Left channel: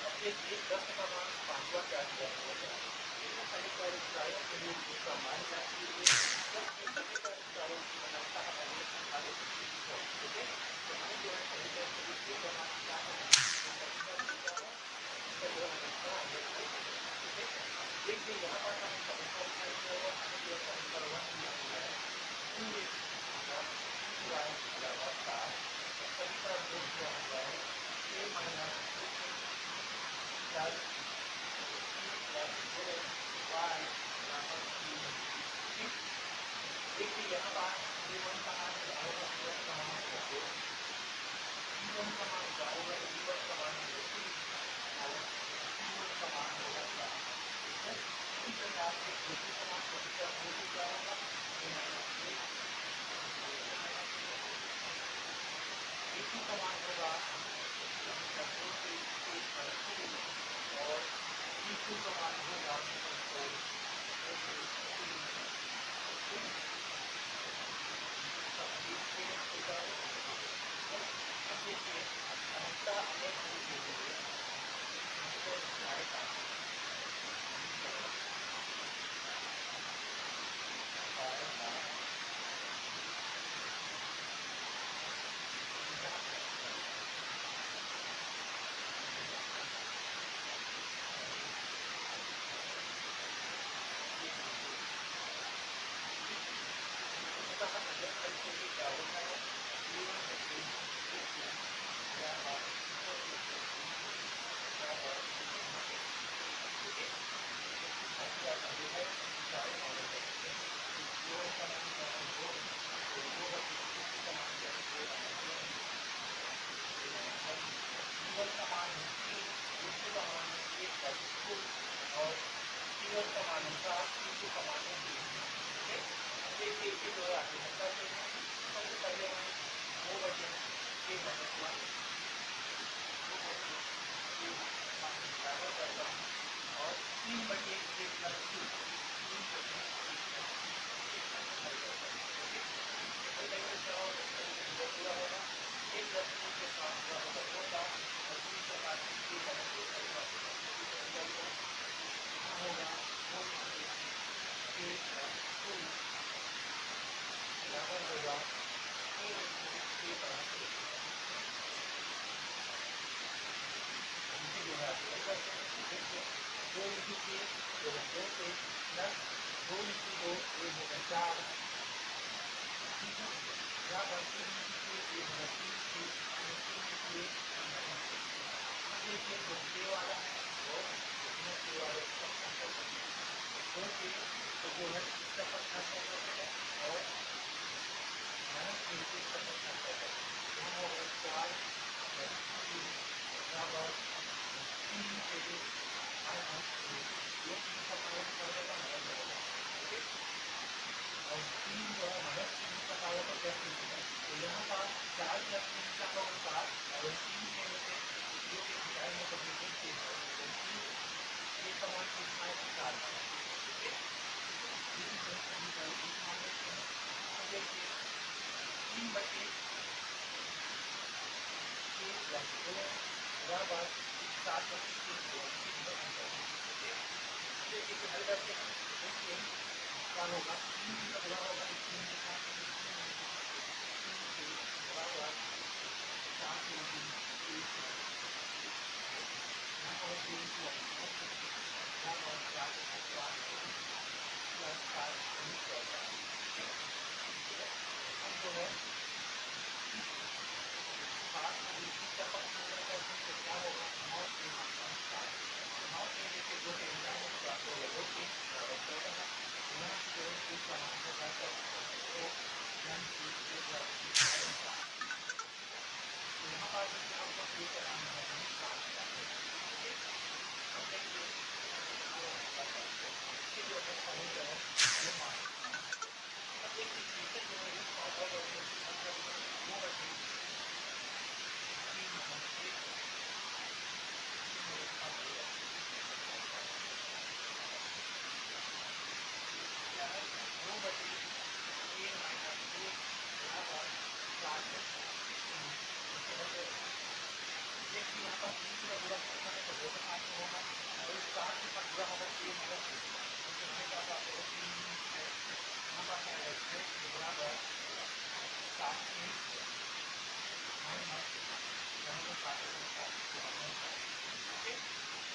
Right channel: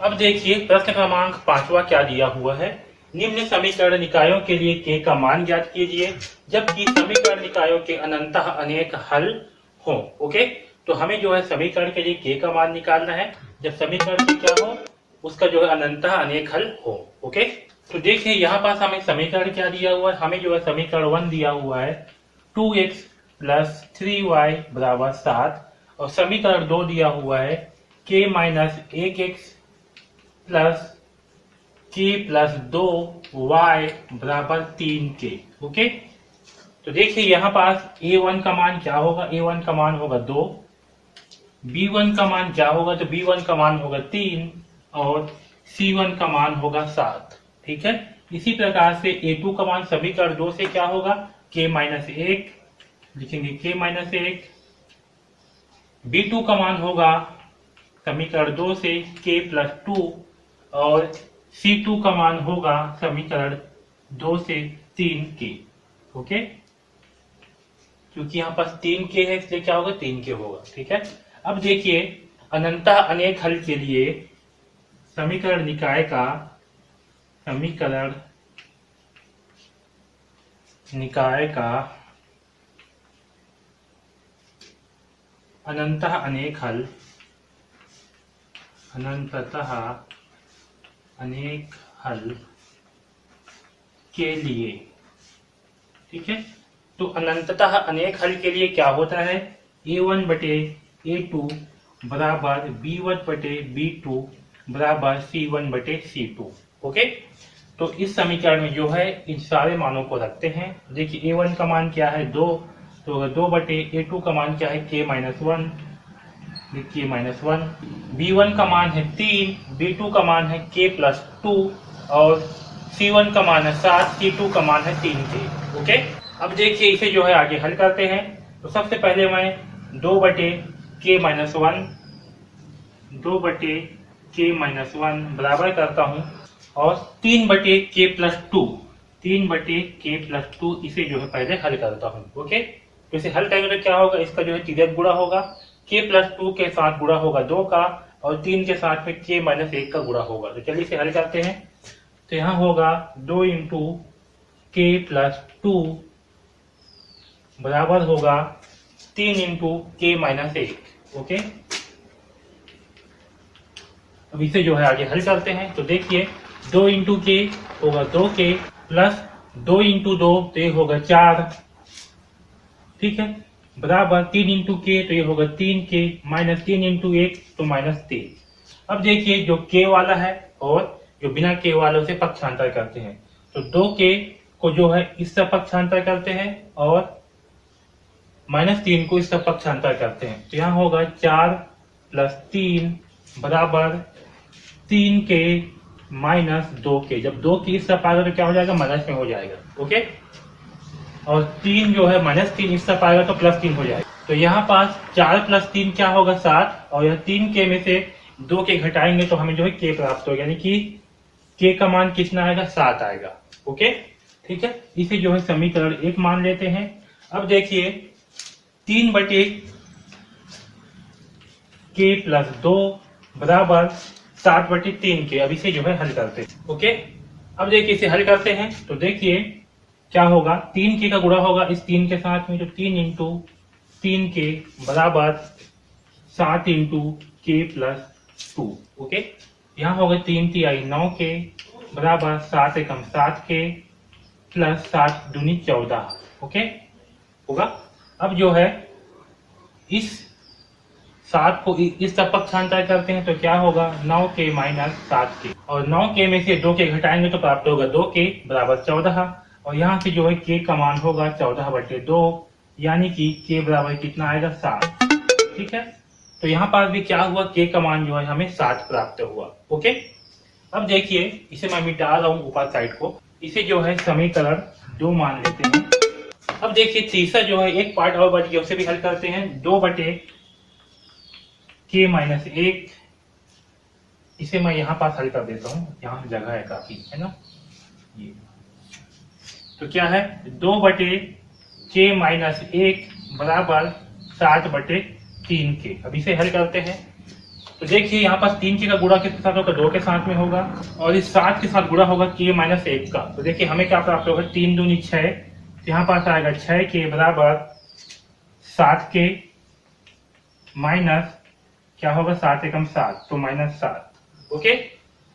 अब देखिए प्रश्न क्रमांक 5वां क्या दिया हुआ है। निम्न समीकरण निकायों के लिए k का मान ज्ञात कीजिए जबकि समीकरण निकायों के अनंतः अनेक हल हो। ओके, तो हमें जो है समीकरण के लिए k का मान निकालना है जब समीकरण की क्या हो, उसका जो है अनंतः अनेक हल हो। ओके, तो देखिए यहाँ पास हमें समीकरण क्या दिया हुआ है। हमें जो है समीकरण 1 दिया हुआ है 2x प्लस 3y बराबर 7 और समीकरण 2 दिया हुआ है k minus 1x plus k plus 2y बराबर 3k। ओके, तो देखिए यहाँ पास a1 का मान क्या होगा, a1 का मान होगा 2, b1 का मान क्या होगा, तो b1 का मान होगा 3 और c1 का मान होगा 7। ठीक है, इसी प्रकार से a2 का मान समीकरण 2 से क्या होगा, k माइनस 1, लिखेंगे k माइनस 1, b2 का मान होगा समीकरण 2 से k प्लस 2 और c2 का मान होगा समीकरण 2 से 3k। ओके, क्योंकि यहाँ पास 3k है इसलिए क्या होगा, 3k होगा। ठीक है, अब देखिए अनंतः अनेक हल के लिए समीकरण निकाय का अनंतः अनेक हल के लिए, ठीक है, तो अनंततः अनेक हल के लिए क्या होता है, a1 बटे a2 बराबर b1 बटे b2 बराबर c1 बटे c2। ओके, तो इस समीकरण में जो है इन सारे मानों को रखते हैं। देखिए a1 का मान क्या है 2, तो 2 बटे a2 का मान क्या है k माइनस 1, देखिए माइनस 1, b1 का मान है 3, b2 का मान है k प्लस 2 और c1 का मान है 7, c2 का मान है 3k। ओके, अब देखिए इसे जो है आगे हल करते हैं। तो सबसे पहले मैं 2 बटे k माइनस 1 बराबर करता हूँ और 3 बटे k प्लस 2 इसे जो है पहले हल करता हूँ। ओके, तो इसे हल करेंगे तो क्या होगा, इसका जो है तिर्यक गुणा होगा, k प्लस 2 के साथ गुणा होगा 2 का और 3 के साथ में k माइनस 1 का गुणा होगा। तो चलिए इसे हल करते हैं। तो यहाँ होगा 2 इंटू k प्लस 2 बराबर होगा 3 इंटू k माइनस 1। ओके, अब इसे जो है आगे हल करते हैं। तो देखिए 2 इंटू के होगा 2k प्लस 2 इंटू 2 तो ये होगा 4, ठीक है, बराबर 3 इंटू के तो ये होगा 3k माइनस 3 इंटू 1 तो माइनस 3। अब देखिए जो k वाला है और जो बिना k वालों से पक्षांतर करते हैं, तो 2k को जो है इससे पक्षांतर करते हैं और माइनस 3 को इससे पक्षांतर करते हैं। तो यहाँ होगा 4 प्लस 3 बराबर 3k माइनस 2k। जब 2 की इससे पाएगा तो क्या हो जाएगा, माइनस में हो जाएगा। ओके, और 3 जो है माइनस 3 इससे पाएगा तो प्लस 3 हो जाएगा। तो यहाँ पास 4 प्लस 3 क्या होगा 7 और यह 3k में से 2k घटाएंगे तो हमें जो है k प्राप्त होगा, यानी कि k का मान कितना आएगा, 7 आएगा। ओके, ठीक है, इसे जो है समीकरण 1 मान लेते हैं। अब देखिए 3 बटे k प्लस 2 बराबर 7 बटे 3k। अब इसे जो है हल करते हैं। ओके, अब देखिए इसे हल करते हैं तो देखिए क्या होगा, 3k का गुणा होगा इस 3 के साथ में, तो 3 इंटू 3k बराबर 7 इंटू k प्लस 2। ओके, यहाँ होगा 3 की आई 9k बराबर 7 एकम 7k प्लस 7 दूनी 14। ओके होगा। अब जो है इस 7 को इस तरफ पक्षांतर करते हैं तो क्या होगा, 9k माइनस 7k और 9k में से 2k घटाएंगे तो प्राप्त होगा 2k बराबर 14 और यहाँ से जो है k का मान होगा 14 बटे 2, यानी कि k बराबर कितना आएगा, 7। ठीक है, तो यहाँ पास भी क्या हुआ, k का मान जो है हमें 7 प्राप्त हुआ। ओके, अब देखिए इसे मैं मिटा रहा हूँ ऊपर साइड को, इसे जो है समीकरण 2 मान लेते हैं। अब देखिए तीसरा जो है एक पार्ट और बच गया, उसे भी हल करते हैं। 2 बटे k माइनस 1, इसे मैं यहाँ पास हल कर देता हूँ, यहाँ जगह है काफी, है ना। तो क्या है, 2 बटे k माइनस 1 बराबर 7 बटे 3k। अब इसे हल करते हैं। तो देखिए यहाँ पास 3 के का गुणा किसके साथ होगा, 2 के साथ में होगा, और इस 7 के साथ गुणा होगा k माइनस 1 का। तो देखिए हमें क्या प्राप्त होगा, 3 दूनी 6, यहाँ पास आएगा 6 के बराबर 7 के माइनस क्या होगा, 7 एकम 7, तो -7। ओके,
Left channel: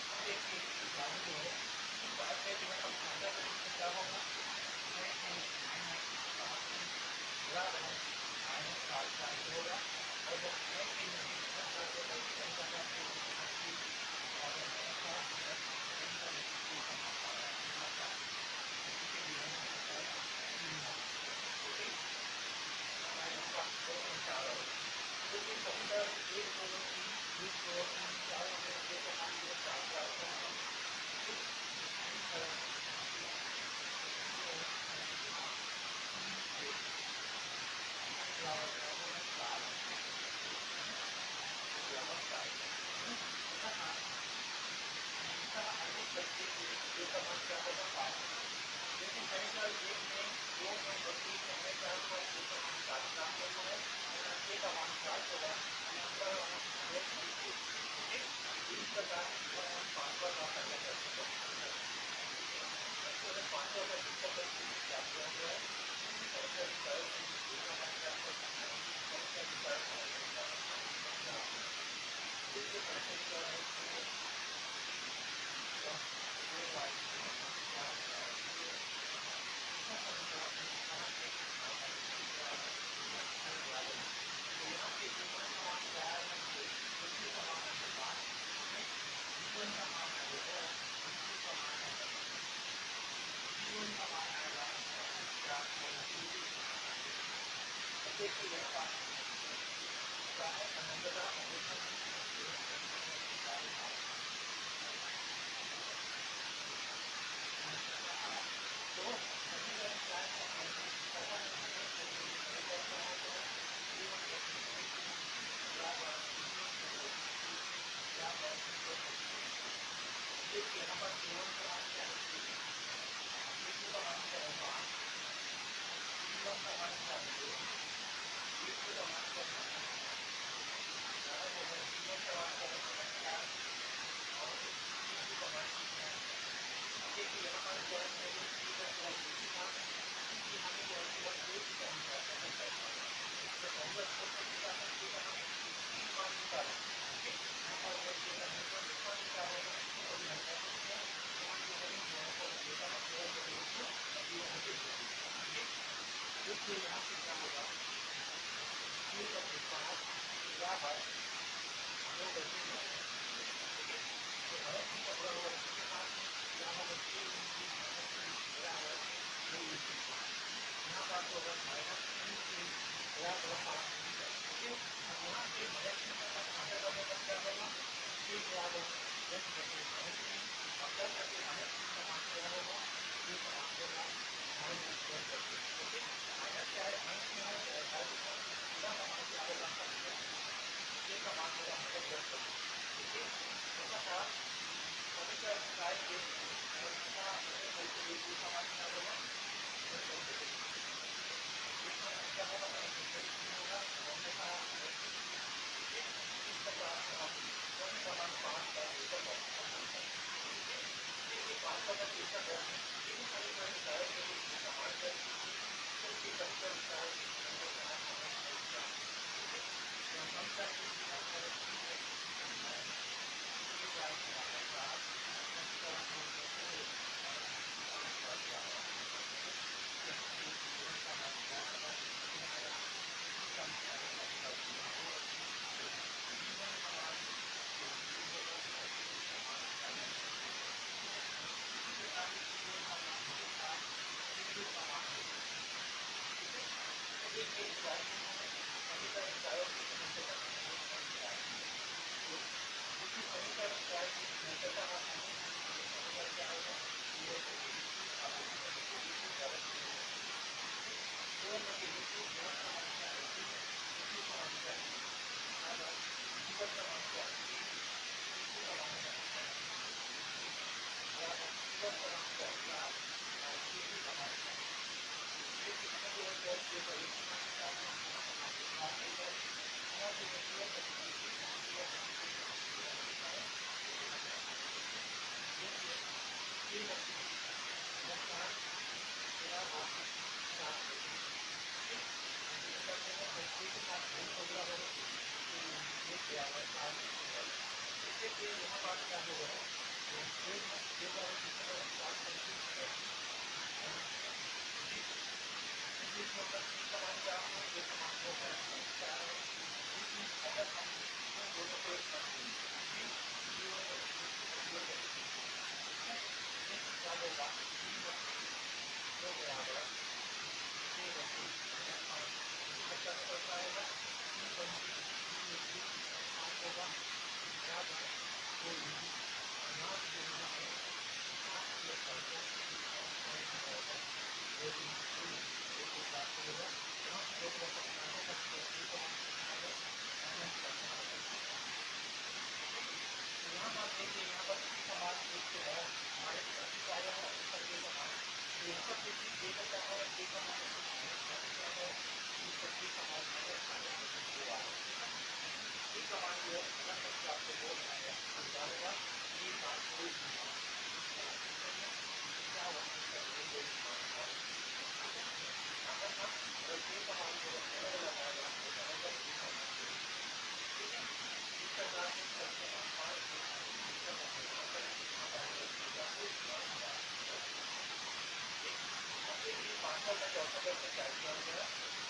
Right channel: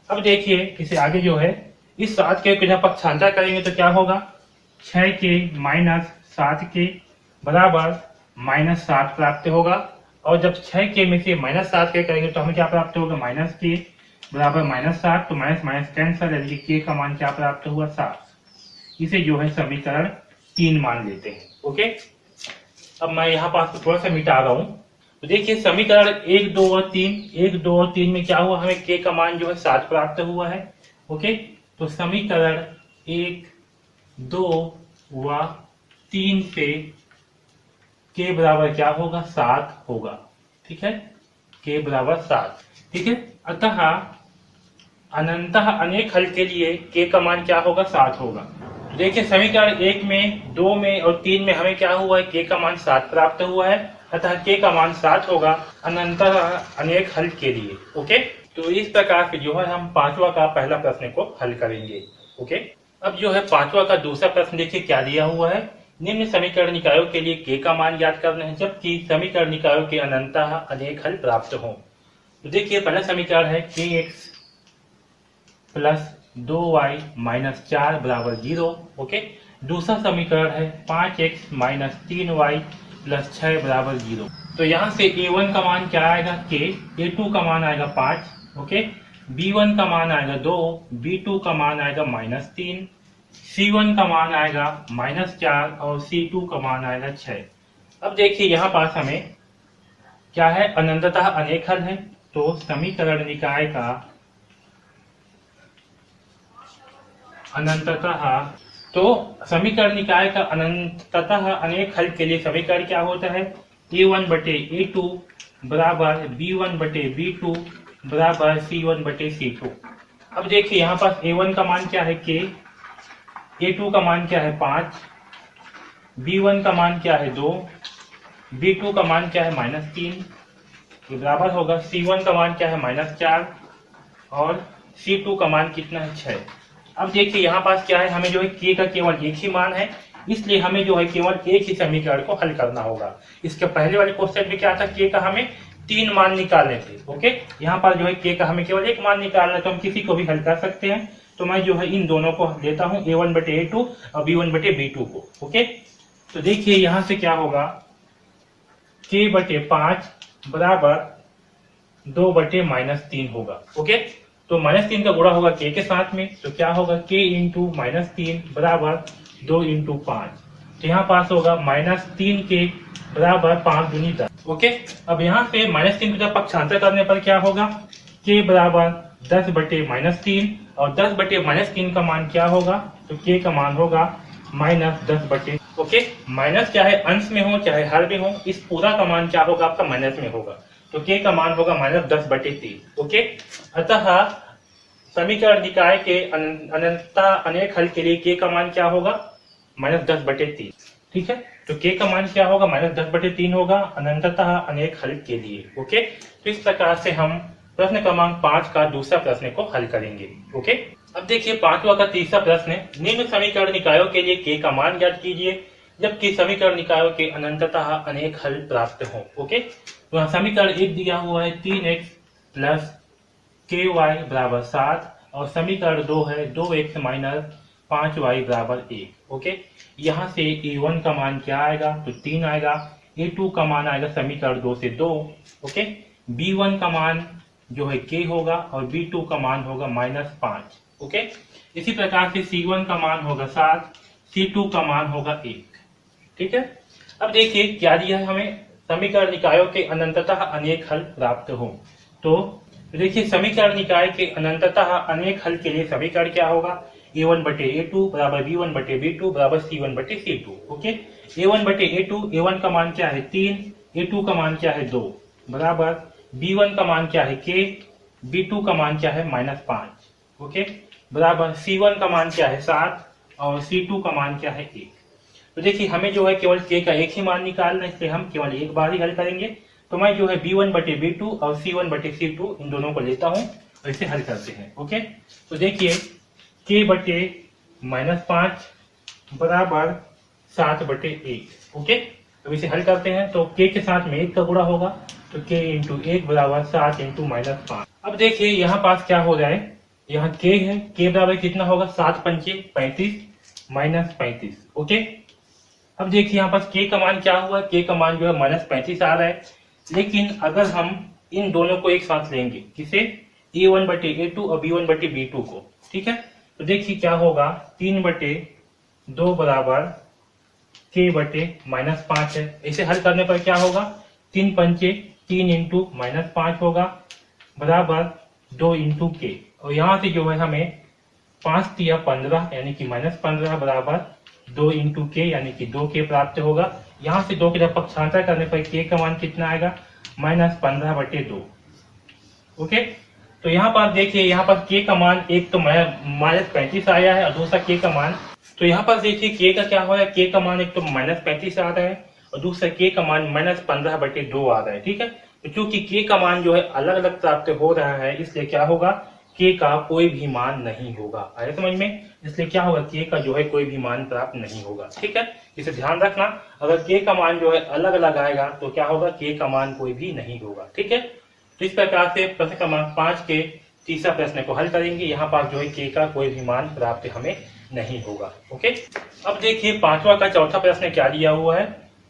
अब देखिए इसे आगे जो है इस 7 के जब पक्षांतर करेंगे तो क्या होगा, 6 के माइनस 7 के बराबर -7 प्राप्त होगा, और जब 6 के में से -7 के करेंगे तो हमें क्या प्राप्त होगा, -k बराबर -7, तो माइनस माइनस कैंसर, यानी k का मान क्या प्राप्त हुआ, 7। इसे जो है समीकरण 3 मान लेते हैं। ओके, अब मैं यहाँ पास थोड़ा सा मिटा रहा हूँ। तो देखिए समीकरण 1, 2 और 3, 1, 2 और 3 में क्या हुआ, हमें k का मान जो है 7 प्राप्त हुआ है। ओके, तो समीकरण 1, 2 व 3 पे k बराबर क्या होगा, 7 होगा। ठीक है, k बराबर 7। ठीक है, अतः अनंतः अनेक हल के लिए k का मान क्या होगा, 7 होगा। देखिए समीकरण 1 में, 2 में और 3 में हमें क्या हुआ है, k का मान 7 प्राप्त हुआ है, अतः k का मान 7 होगा अनंतः अनेक हल के लिए। ओके, तो इस प्रकार से जो है हम पांचवा का पहला प्रश्न को हल करेंगे। ओके, अब जो है पांचवा का दूसरा प्रश्न देखिए क्या दिया हुआ है, निम्न समीकरण निकायों के लिए k का मान ज्ञात करना है जबकि समीकरण निकायों के अनंतः अनेक हल प्राप्त हो। तो देखिए पहला समीकरण है kx प्लस 2y माइनस 4 बराबर 0। ओके, दूसरा समीकरण है 5x माइनस 3y प्लस 6 बराबर 0। तो यहाँ से a1 का मान क्या आएगा, k, a2 का मान आएगा 5, ओके, b1 का मान आएगा 2, b2 का मान आएगा -3, c1 का मान आएगा -4 और c2 का मान आएगा 6। अब देखिए यहाँ पास हमें क्या है, अनंततः अनेक हल है, तो समीकरण निकाय का अनंततः, तो समीकरण निकाय का अनंततः अनेक हल के लिए समीकरण क्या होता है, a1 बटे a2 बराबर b1 बटे b2 बराबर c1 बटे c2। अब देखिए यहाँ पास a1 का मान क्या है k, a2 का मान क्या है 5, b1 का मान क्या है 2, b2 का मान क्या है -3, ये बराबर होगा c1 का मान क्या है -4 और c2 का मान कितना है 6। अब देखिए यहाँ पास क्या है, हमें जो है k का केवल एक ही मान है, इसलिए हमें जो है केवल एक ही समीकरण को हल करना होगा। इसके पहले वाले क्वेश्चन में क्या था, k का हमें 3 मान निकालने थे। ओके, यहाँ पर जो है k का हमें केवल एक मान निकालना है, तो हम किसी को भी हल कर सकते हैं। तो मैं जो है इन दोनों को देता हूँ, a1 बटे a2 और b1 बटे b2 को। ओके, तो देखिए यहाँ से क्या होगा, k बटे 5 बराबर 2 बटे -3 होगा। ओके, तो -3 का गुणा होगा k के साथ में, तो क्या होगा k इंटू -3 बराबर 2 इंटू 5, तो यहाँ पास होगा -3 के बराबर 5 दूनी 10। ओके, अब यहाँ पे -3 का पक्षांतर करने पर क्या होगा, k बराबर 10 बटे -3 और 10 बटे -3 का मान क्या होगा, तो k का मान होगा -10 बटे। ओके, माइनस चाहे अंश में हो चाहे हर में हो, इस पूरा का मान क्या होगा, आपका माइनस में होगा, तो k का मान होगा -10 बटे 3। ओके, अतः समीकरण निकाय के अनंतता अनेक हल के लिए k का मान क्या होगा, -10 बटे 3। ठीक है, तो k का मान क्या होगा, -10 बटे 3 होगा अनंततः अनेक हल के लिए। ओके, तो इस प्रकार से हम प्रश्न क्रमांक 5 का दूसरा प्रश्न को हल करेंगे। ओके, अब देखिए पांचवा का तीसरा प्रश्न है, निम्न समीकरण निकायों के लिए k का मान ज्ञात कीजिए जबकि समीकरण निकायों के अनंततः अनेक हल प्राप्त हो। ओके, तो यहाँ समीकरण 1 दिया हुआ है 3x प्लस ky बराबर 7 और समीकरण 2 है 2x माइनस 5y बराबर 1। ओके, यहाँ से a1 का मान क्या आएगा, तो 3 आएगा, a2 का मान आएगा समीकरण 2 से 2। ओके, b1 का मान जो है k होगा और b2 का मान होगा -5। ओके, इसी प्रकार से c1 का मान होगा 7, c2 का मान होगा 1। ठीक है, अब देखिए क्या दिया है हमें, समीकरण निकायों के अनंततः अनेक हल प्राप्त हो। तो देखिए समीकरण निकाय के अनंततः अनेक हल के लिए समीकरण क्या होगा, a1 बटे a2 बराबर b1 बटे b2 बराबर c1 बटे c2। ओके, a1 बटे a2, a1 का मान क्या है 3, a2 का मान क्या है 2 बराबर b1 का मान क्या है k, b2 का मान क्या है -5। ओके, बराबर c1 का मान क्या है 7 और c2 का मान क्या है 1। तो देखिए हमें जो है केवल k का एक ही मान निकालना है, इसलिए हम केवल एक बार ही हल करेंगे। तो मैं जो है B1/B2 और C1/C2 इन दोनों को लेता हूँ और इसे हल करते हैं। ओके, तो देखिए k/-5 बराबर 7/1। ओके, अब इसे हल करते हैं तो k के साथ में 1 का गुणा होगा, तो k × 1 बराबर 7 × -5। अब देखिए यहाँ पास क्या हो रहा है, यहाँ k है, k बराबर कितना होगा, 7×5 = 35 -35। ओके, अब देखिए यहाँ पास k का मान क्या हुआ, k का मान जो है -35 आ रहा है। लेकिन अगर हम इन दोनों को एक साथ लेंगे, इसे A1/A2 और B1/B2 को, ठीक है, तो देखिए क्या होगा, 3/2 बराबर k/-5 है। इसे हल करने पर क्या होगा, 3×5 3 × -5 होगा बराबर 2 × k, और यहाँ से जो है हमें 5 × 15 यानी कि -15 बराबर 2 × k यानी कि 2k प्राप्त होगा। यहाँ से 2 के जब पक्षांतर करने पर k का मान कितना आएगा, -15/2। ओके, तो यहाँ पर देखिए, यहाँ पर k का मान एक तो -35 आया है और दूसरा k का मान, तो यहाँ पर देखिए k का क्या हो रहा है, k का मान एक तो -35 आ रहा है और दूसरा k का मान -15/2 आ रहा है। ठीक है, तो चूंकि k का मान जो है अलग अलग प्राप्त हो रहा है, इसलिए क्या होगा, k का कोई भी मान नहीं होगा। आया समझ में, इसलिए क्या होगा, k का जो है कोई भी मान प्राप्त नहीं होगा। ठीक है, इसे ध्यान रखना, अगर k का मान जो है अलग अलग आएगा तो क्या होगा, k का मान कोई भी नहीं होगा। ठीक है, इस प्रकार से प्रश्न क्रमांक 5 के तीसरा प्रश्न को हल करेंगे। यहाँ पर जो है k का कोई भी मान प्राप्त हमें नहीं होगा। ओके, अब देखिए 5वां का चौथा प्रश्न क्या दिया हुआ है,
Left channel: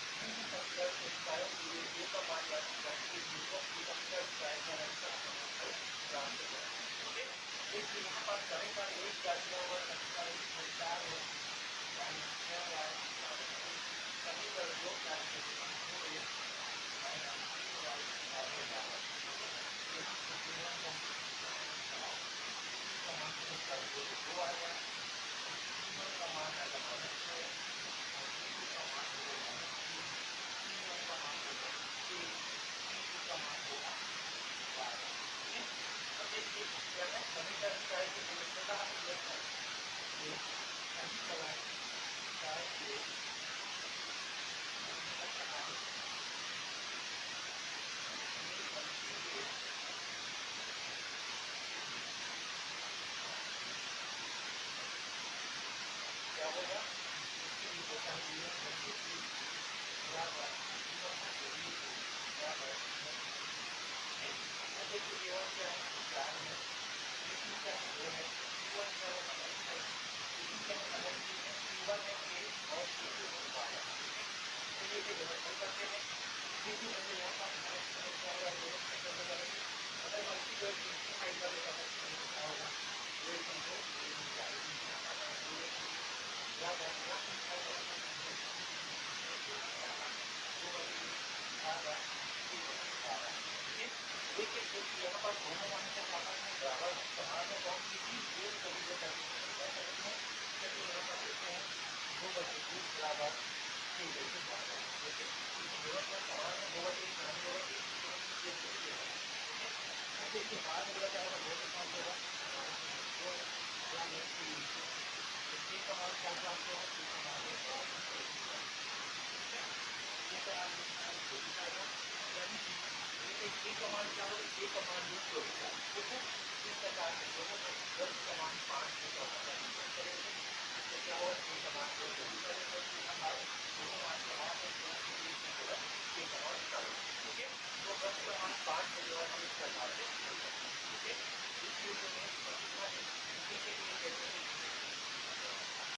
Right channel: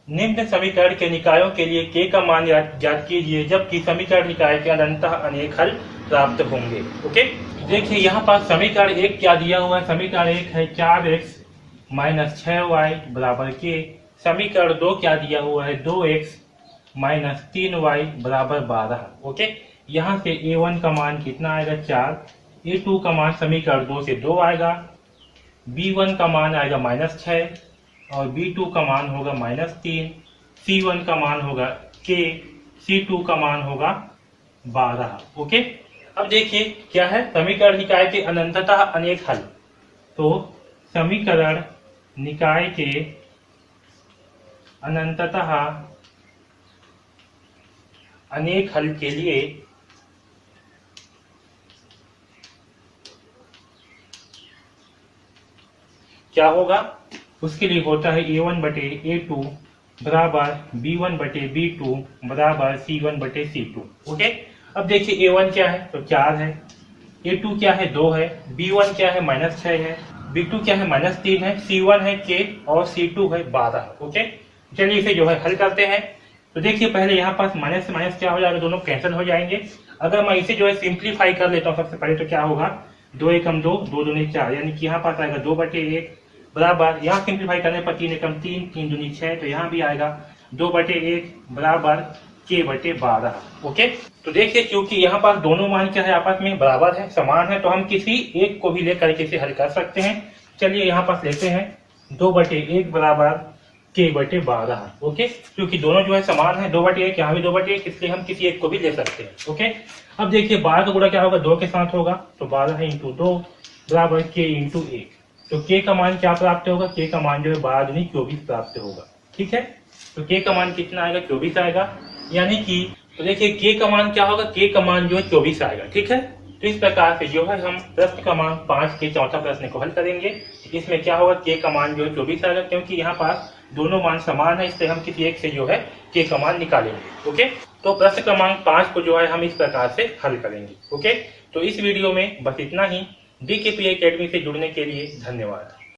निम्न समीकरण के निकायों के लिए k का मान ज्ञात कीजिए जबकि समीकरण निकाय के अनंतः अनेक हल प्राप्त होंगे। ओके, देखिए यहाँ पर समीकरण 1 क्या दिया हुआ है, समीकरण 1 है 4x - 6y = k। समीकरण 2 क्या दिया हुआ है, 2x - 3y = 12। ओके, यहाँ से a1 का मान कितना आएगा, 4, a2 का मान समीकरण 2 से 2 आएगा, b1 का मान आएगा -6 और b2 का मान होगा -3, c1 का मान होगा k, c2 का मान होगा 12। ओके, अब देखिए क्या है, समीकरण निकाय के अनंततः अनेक हल, तो समीकरण निकाय के अनंततः अनेक हल के लिए क्या होगा, उसके लिए होता है A1/A2 बराबर B1/B2 बराबर C1/C2। ओके, अब देखिए A1 क्या है, तो 4 है, A2 क्या है, 2 है, B1 क्या है, -6 है, B2 क्या है, -3 है, C1 है k और C2 है 12। ओके, चलिए इसे जो है हल करते हैं। तो देखिए पहले यहाँ पास माइनस से माइनस क्या हो जाएगा, दोनों कैंसिल हो जाएंगे। अगर मैं इसे जो है सिंप्लीफाई कर लेता हूँ सबसे पहले, तो क्या होगा, 2 एकम 2, 2 दूनी 4, यानी कि यहाँ पास आएगा 2/1 बराबर, यहाँ सिंप्लीफाई करने पर 3 एकम 3, 3 दूनी 6, तो यहाँ भी आएगा 2/1 बराबर k/12। ओके, तो देखिए क्योंकि यहाँ पास दोनों मान क्या है, आपस में बराबर है, समान है, तो हम किसी एक को भी लेकर के इसे हल कर सकते हैं। चलिए यहाँ पास लेते हैं 2/1 बराबर k/12। ओके, क्योंकि दोनों जो है समान है, 2/1 यहाँ भी 2/1, इसलिए हम किसी एक को भी ले सकते हैं। ओके, अब देखिए 12 का गुणा क्या होगा, 2 के साथ होगा, तो 12 × 2 बराबर k × 1। तो k का मान क्या प्राप्त होगा, k का मान जो है 12 दूनी 24 प्राप्त होगा। ठीक है, तो k का मान कितना आएगा, 24 आएगा, यानी कि, तो देखिए k का मान क्या होगा, k का मान जो है 24 आएगा। ठीक है, तो इस प्रकार से जो है हम प्रश्न क्रमांक 5 के चौथा प्रश्न को हल करेंगे। इसमें क्या होगा, k का मान जो है 24 आएगा, क्योंकि यहाँ पास दोनों मान समान है, इसलिए हम किसी एक से जो है k का मान निकालेंगे। ओके, तो प्रश्न क्रमांक 5 को जो है हम इस प्रकार से हल करेंगे। ओके, तो इस वीडियो में बस इतना ही। DKP एकेडमी से जुड़ने के लिए धन्यवाद।